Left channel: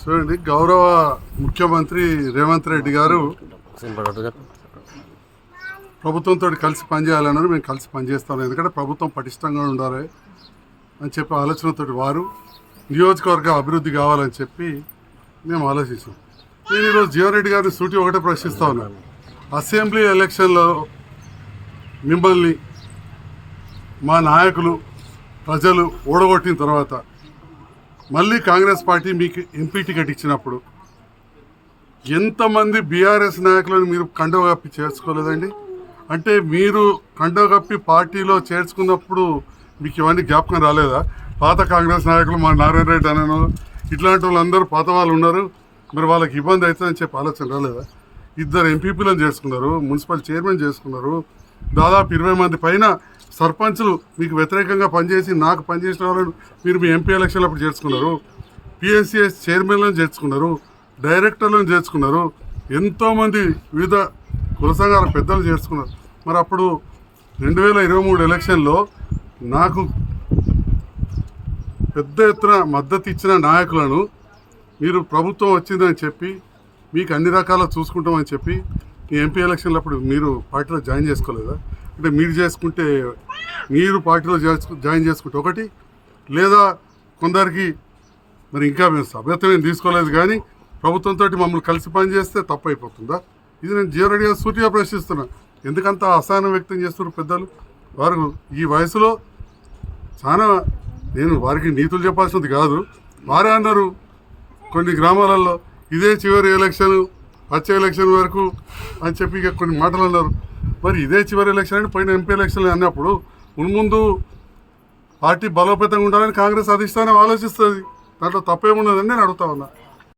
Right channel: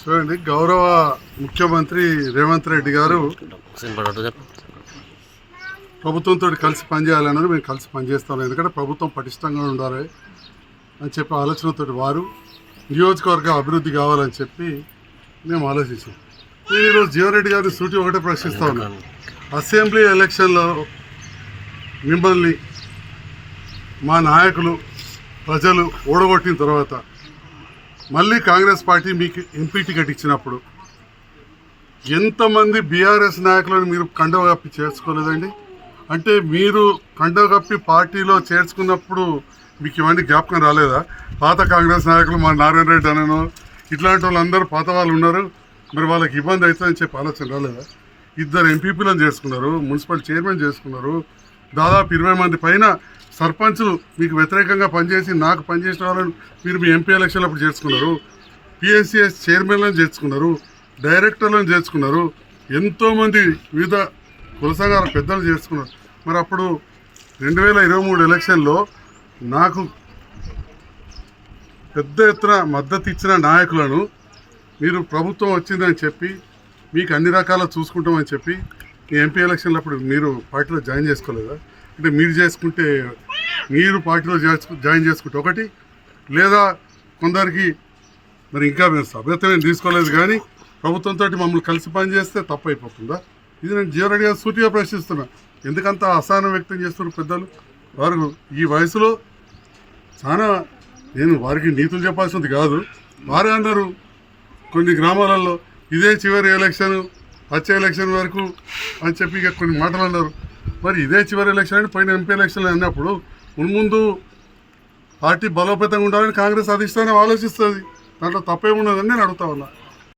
చూడండి, గౌరవ ముఖ్యమంత్రి రేవంత్ రెడ్డి గారు ప్రభుత్వంతో కలిసి పనిచేయాలన్నారు. మేము కలిసి పనిచేస్తాం, ఎందుకంటే ప్రభుత్వం పటిష్టంగా ఉండాలి అని చెప్పి ఆలోచనతో వారు నియోజకవర్గ అభివృద్ధి కావాలని చెప్పి మేము ఆలోచించాం. నేను ఈరోజు జీవన్ రెడ్డి గారిని సూటి ఒకటే ప్రశ్నిస్తా ఉన్నాను. అసెంబ్లీ ఎలక్షన్లో మిమ్మల్ని మా నాయకులు ప్రజలు ఓడగొట్టిన తర్వాత మళ్ళీ కాంగ్రెస్ పార్టీ మీకు ఎంపీ టికెట్ ఇచ్చినప్పుడు ఎంతమంది బీఆర్ఎస్ నాయకులను మీరు కండవ కప్పి చేర్చుకోలేదండి? అంటే మీరు కండవ కప్పి పార్టీలో చేర్చుకున్నప్పుడు మీకు ఇవన్నీ జ్ఞాపకం రాలేదా? పాత కాంగ్రెస్ నాయకులు మా నారాయణ రెడ్డి అనను ఇట్లాంటి వాళ్ళందరూ పాత వాళ్ళు ఉన్నారు, మరి వాళ్ళకి ఇబ్బంది అవుతుందని చెప్పి ఆలోచన రాలేదా? 2 ఎంపీపీలను చేసుకున్నారు, మున్సిపల్ చైర్మన్ చేసుకున్నారు, దాదాపు 20 మంది పైన సర్పంచులు మీకు వ్యతిరేకంగా పనిచేసి నాకు పనిచేసిన వాళ్ళని మీరు మీ ఎంపీ ఎలక్షన్లప్పుడు చేర్చుకున్నారు, పిఎస్సిఎస్ చైర్మన్లను చేర్చుకున్నారు, డైరెక్టర్లను చేర్చుకున్నారు, ఎంతోమంది వివిధ కుల సంఘాల పెద్దలు చేర్చుకున్నారు. మరి అప్పుడు 2023 ఎలక్షన్లో నాకు పెద్ద ఎత్తున మద్దతు ఇచ్చిన నాయకులను మీరు ప్రభుత్వం వచ్చిందని చెప్పి మీకు అన్ని రకాల చూసుకుంటామని చెప్పి ఈ ఎంపీ ఎలక్షన్లప్పుడు మీరు పార్టీలో జాయిన్ చేసుకోలేదా? అంటే మీరు చేసుకుంటే మీరు పార్టీలో జాయిన్ చేసుకుంటే ఒకటి, లేదా కొందరికి మరి ఇంకా మేము సభ్యత్వం తీసుకోలేదు కానీ ప్రభుత్వంతో మమ్మల్ని కలిసి పనిచేస్తే తప్పు అయిపోతుందా? ఇది నేను జీవన్ రెడ్డి గారు సూటిగా ప్రశ్నిస్తున్నా. ఎందుకంత అసహనం వ్యక్తం చేస్తున్నారు పెద్దలు? వారు ఈ వయసులో చాలా, నేను వారికి నీతులు చెప్పాల్సింది కాదు, వారే అన్నారు కొన్ని గ్రామాలలో ఇదే చివరి ఎలక్షన్, వచ్చే ఎలక్షన్ వరకు అని చెప్పి ఇక కొన్ని మాటలు అన్నారు. మరి ఇదే చివరి ఎలక్షన్ అంటే పోయిన ఎంపీ ఎలక్షన్లు అన్నప్పుడు ముందు పార్టీ బలోపేతంగా ఉండాలని కాంగ్రెస్ అధిష్టానం ఆలోచిస్తుంది. దాంట్లో తప్పేమున్నదని నేను అడుగుతా ఉన్నా.